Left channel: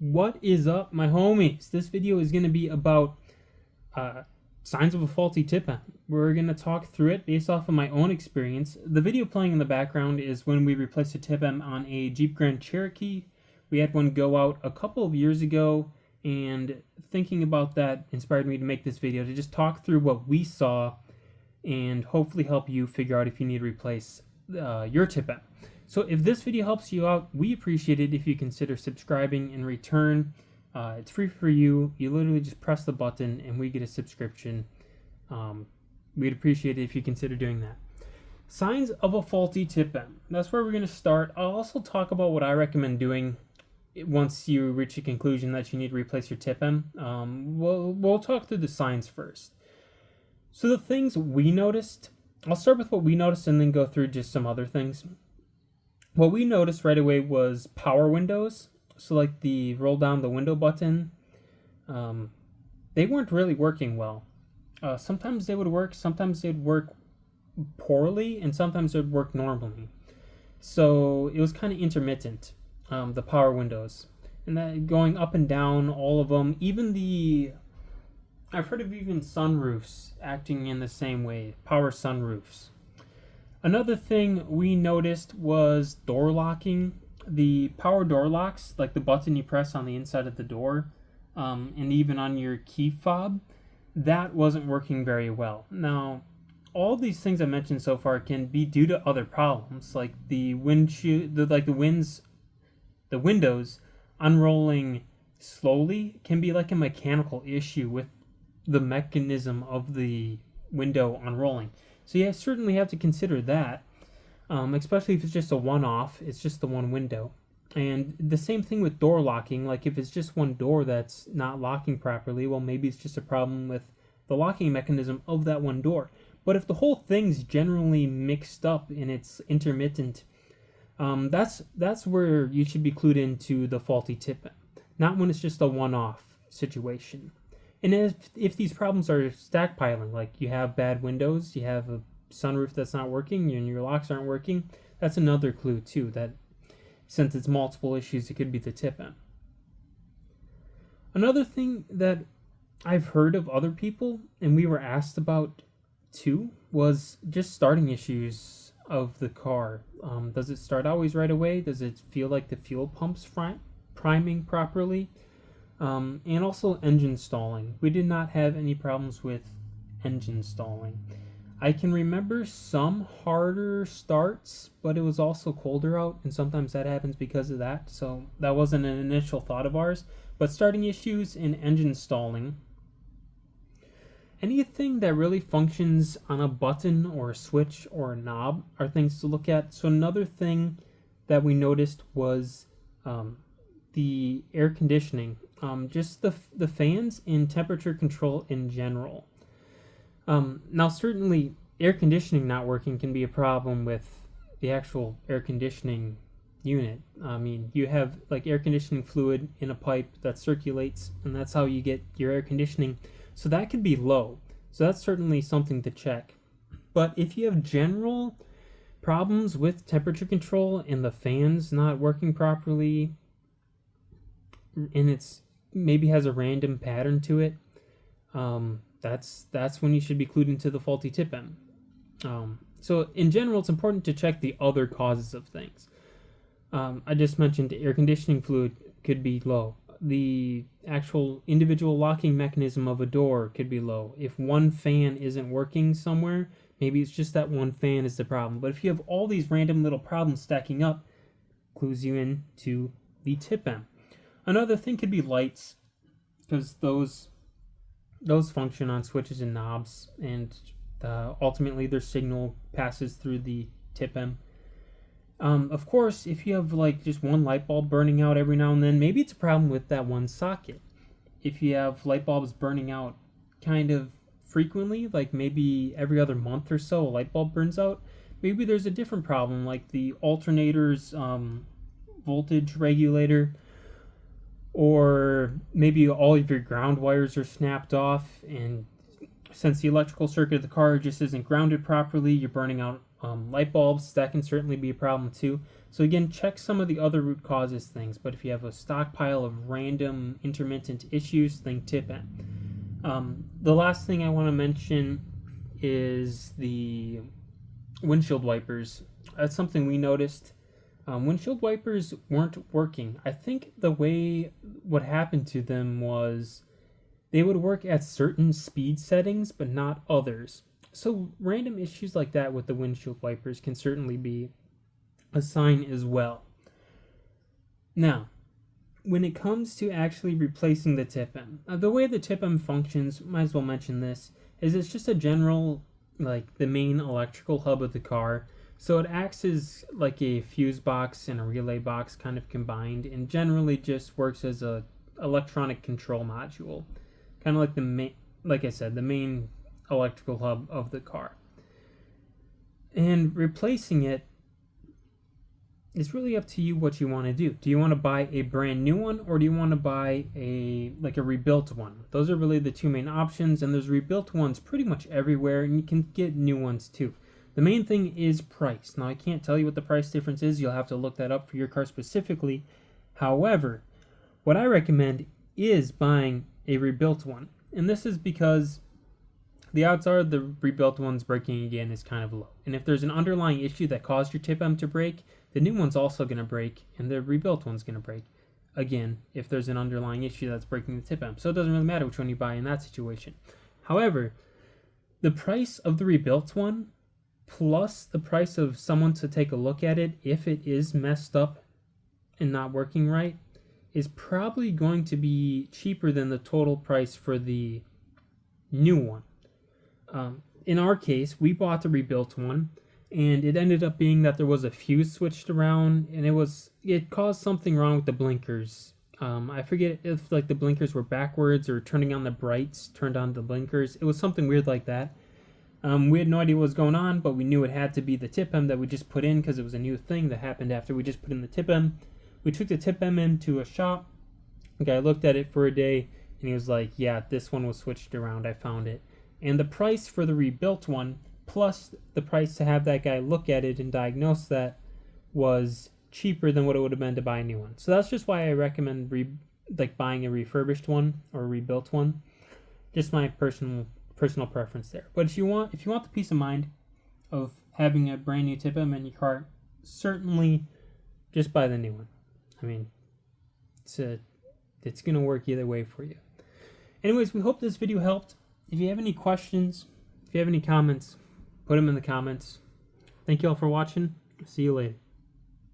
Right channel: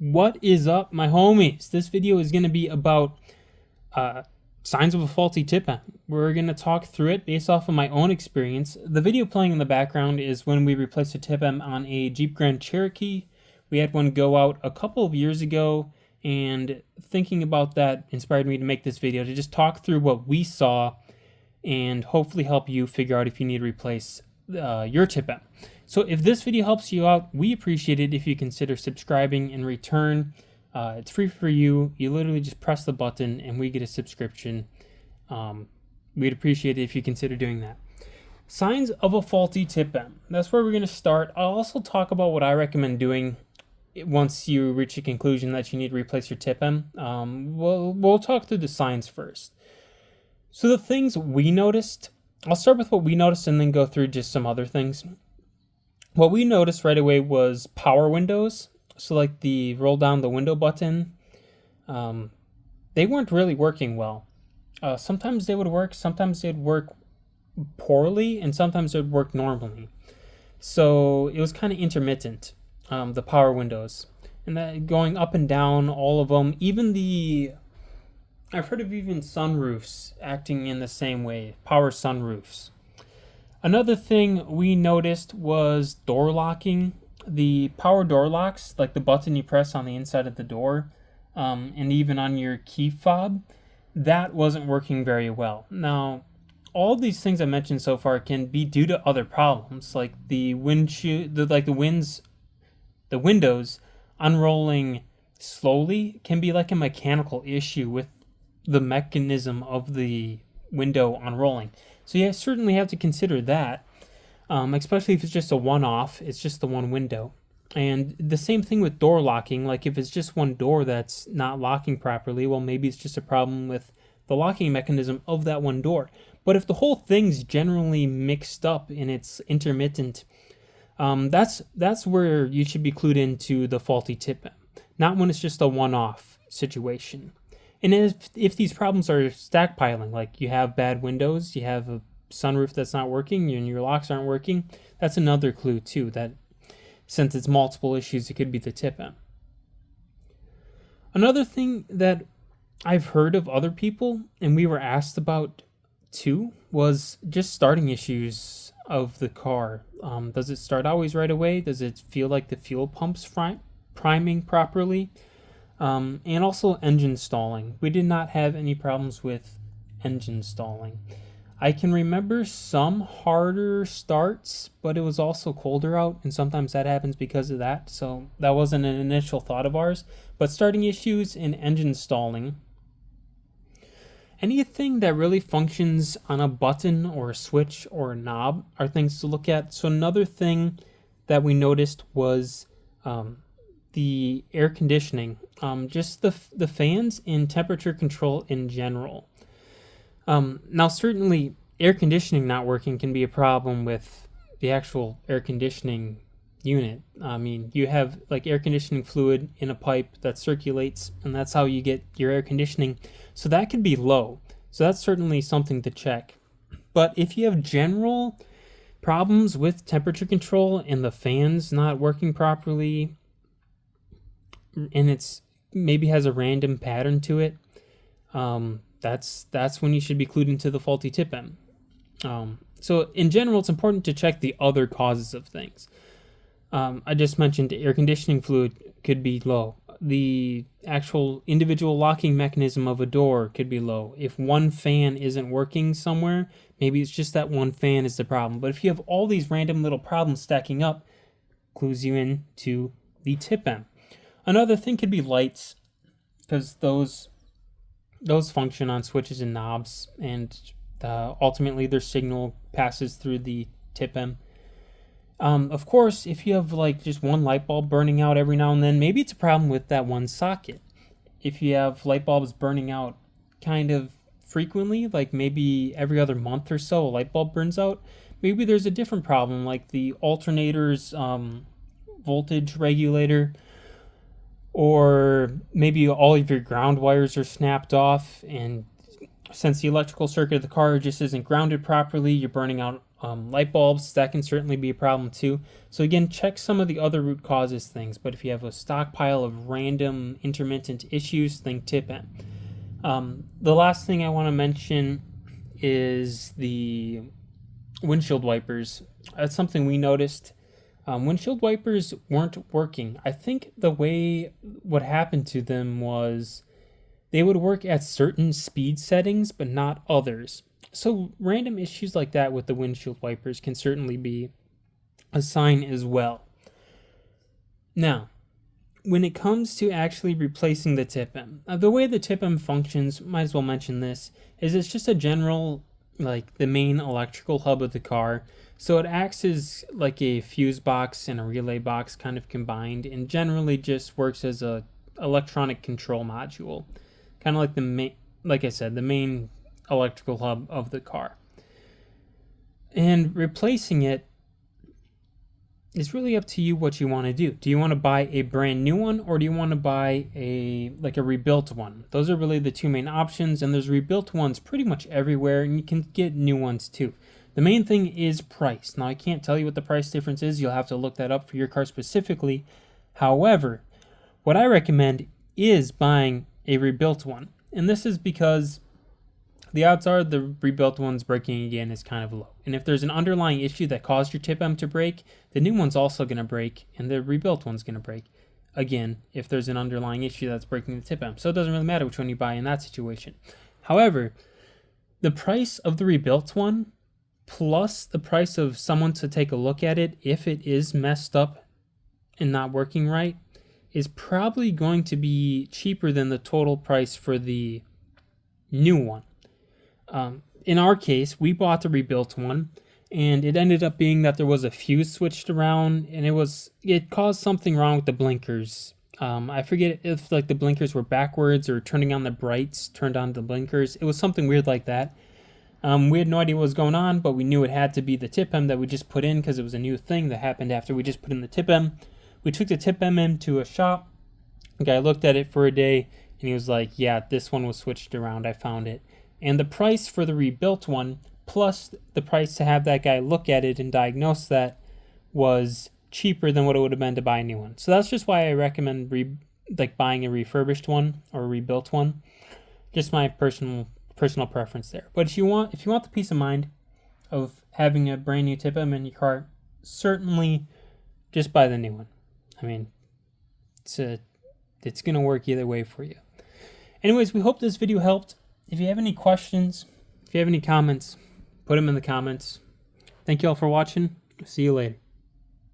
What is up, my homies? This video is going to be about signs of a faulty TIPM. We're going to talk through it based off of my own experience. The video playing in the background is when we replaced a TIPM on a Jeep Grand Cherokee. We had one go out a couple of years ago, and thinking about that inspired me to make this video to just talk through what we saw and hopefully help you figure out if you need to replace your TIPM. So if this video helps you out, we appreciate it if you consider subscribing in return. It's free for you. You literally just press the button and we get a subscription. We'd appreciate it if you consider doing that. Signs of a faulty TIPM. That's where we're going to start. I'll also talk about what I recommend doing once you reach a conclusion that you need to replace your TIPM. We'll talk through the signs first. So the things we noticed, I'll start with what we noticed and then go through just some other things. What we noticed right away was power windows. So like the roll down the window button, they weren't really working well. Sometimes they would work, sometimes they'd work poorly, and sometimes they'd work normally. So it was kind of intermittent, the power windows. And that going up and down, all of them, I've heard of even sunroofs acting in the same way, power sunroofs. Another thing we noticed was door locking. The power door locks, like the button you press on the inside of the door, and even on your key fob, that wasn't working very well. Now, all these things I mentioned so far can be due to other problems, like the windows unrolling slowly can be like a mechanical issue with the mechanism of the window unrolling. So you certainly have to consider that, especially if it's just a one-off, it's just the one window. And the same thing with door locking, like if it's just one door that's not locking properly, well, maybe it's just a problem with the locking mechanism of that one door. But if the whole thing's generally mixed up and it's intermittent, that's where you should be clued into the faulty TIPM, not when it's just a one-off situation. And if these problems are stackpiling, like you have bad windows, you have a sunroof that's not working, and your locks aren't working, that's another clue too, that since it's multiple issues, it could be the TIPM. Another thing that I've heard of other people, and we were asked about too, was just starting issues of the car. Does it start always right away? Does it feel like the fuel pump's priming properly? And also engine stalling. We did not have any problems with engine stalling. I can remember some harder starts, but it was also colder out, and sometimes that happens because of that, so that wasn't an initial thought of ours. But starting issues in engine stalling. Anything that really functions on a button or a switch or a knob are things to look at. So another thing that we noticed was the air conditioning, just the fans and temperature control in general. Now, certainly, air conditioning not working can be a problem with the actual air conditioning unit. I mean, you have like air conditioning fluid in a pipe that circulates, and that's how you get your air conditioning. So that could be low. So that's certainly something to check. But if you have general problems with temperature control and the fans not working properly, and it's maybe has a random pattern to it, that's when you should be clued into the faulty TIPM. So in general, it's important to check the other causes of things. I just mentioned air conditioning fluid could be low. The actual individual locking mechanism of a door could be low. If one fan isn't working somewhere, maybe it's just that one fan is the problem. But if you have all these random little problems stacking up, clues you into the TIPM. Another thing could be lights, because those function on switches and knobs, and ultimately their signal passes through the TIPM. Of course, if you have like just one light bulb burning out every now and then, maybe it's a problem with that one socket. If you have light bulbs burning out kind of frequently, like maybe every other month or so a light bulb burns out, maybe there's a different problem, like the alternator's voltage regulator, or maybe all of your ground wires are snapped off, and since the electrical circuit of the car just isn't grounded properly, you're burning out Light bulbs, that can certainly be a problem too. So again, check some of the other root causes things, but if you have a stockpile of random intermittent issues, think TIPM. The last thing I want to mention is the windshield wipers. That's something we noticed. Windshield wipers weren't working. I think what happened to them was they would work at certain speed settings, but not others. So random issues like that with the windshield wipers can certainly be a sign as well. Now, when it comes to actually replacing the TIPM, the way the TIPM functions, might as well mention this, is it's just a general, like the main electrical hub of the car. So it acts as like a fuse box and a relay box kind of combined, and generally just works as a electronic control module, kind of like the main electrical hub of the car. And replacing it is really up to you what you want to do. Do you want to buy a brand new one, or do you want to buy a rebuilt one? Those are really the two main options, and there's rebuilt ones pretty much everywhere, and you can get new ones too. The main thing is price. Now, I can't tell you what the price difference is. You'll have to look that up for your car specifically. However, what I recommend is buying a rebuilt one. And this is because the odds are the rebuilt one's breaking again is kind of low. And if there's an underlying issue that caused your TIPM to break, the new one's also going to break, and the rebuilt one's going to break again if there's an underlying issue that's breaking the TIPM. So it doesn't really matter which one you buy in that situation. However, the price of the rebuilt one plus the price of someone to take a look at it if it is messed up and not working right is probably going to be cheaper than the total price for the new one. In our case, we bought the rebuilt one, and it ended up being that there was a fuse switched around, and it caused something wrong with the blinkers. I forget if the blinkers were backwards or turning on the brights turned on the blinkers. It was something weird like that. We had no idea what was going on, but we knew it had to be the TIPM that we just put in because it was a new thing that happened after we just put in the TIPM. We took the TIPM into a shop. The guy looked at it for a day, and he was like, yeah, this one was switched around. I found it. And the price for the rebuilt one, plus the price to have that guy look at it and diagnose that, was cheaper than what it would have been to buy a new one. So that's just why I recommend buying a refurbished one or a rebuilt one. Just my personal preference there. But if you want the peace of mind of having a brand new TIPM in your car, certainly just buy the new one. I mean, it's gonna work either way for you. Anyways, we hope this video helped. If you have any questions, if you have any comments, put them in the comments. Thank you all for watching. See you later.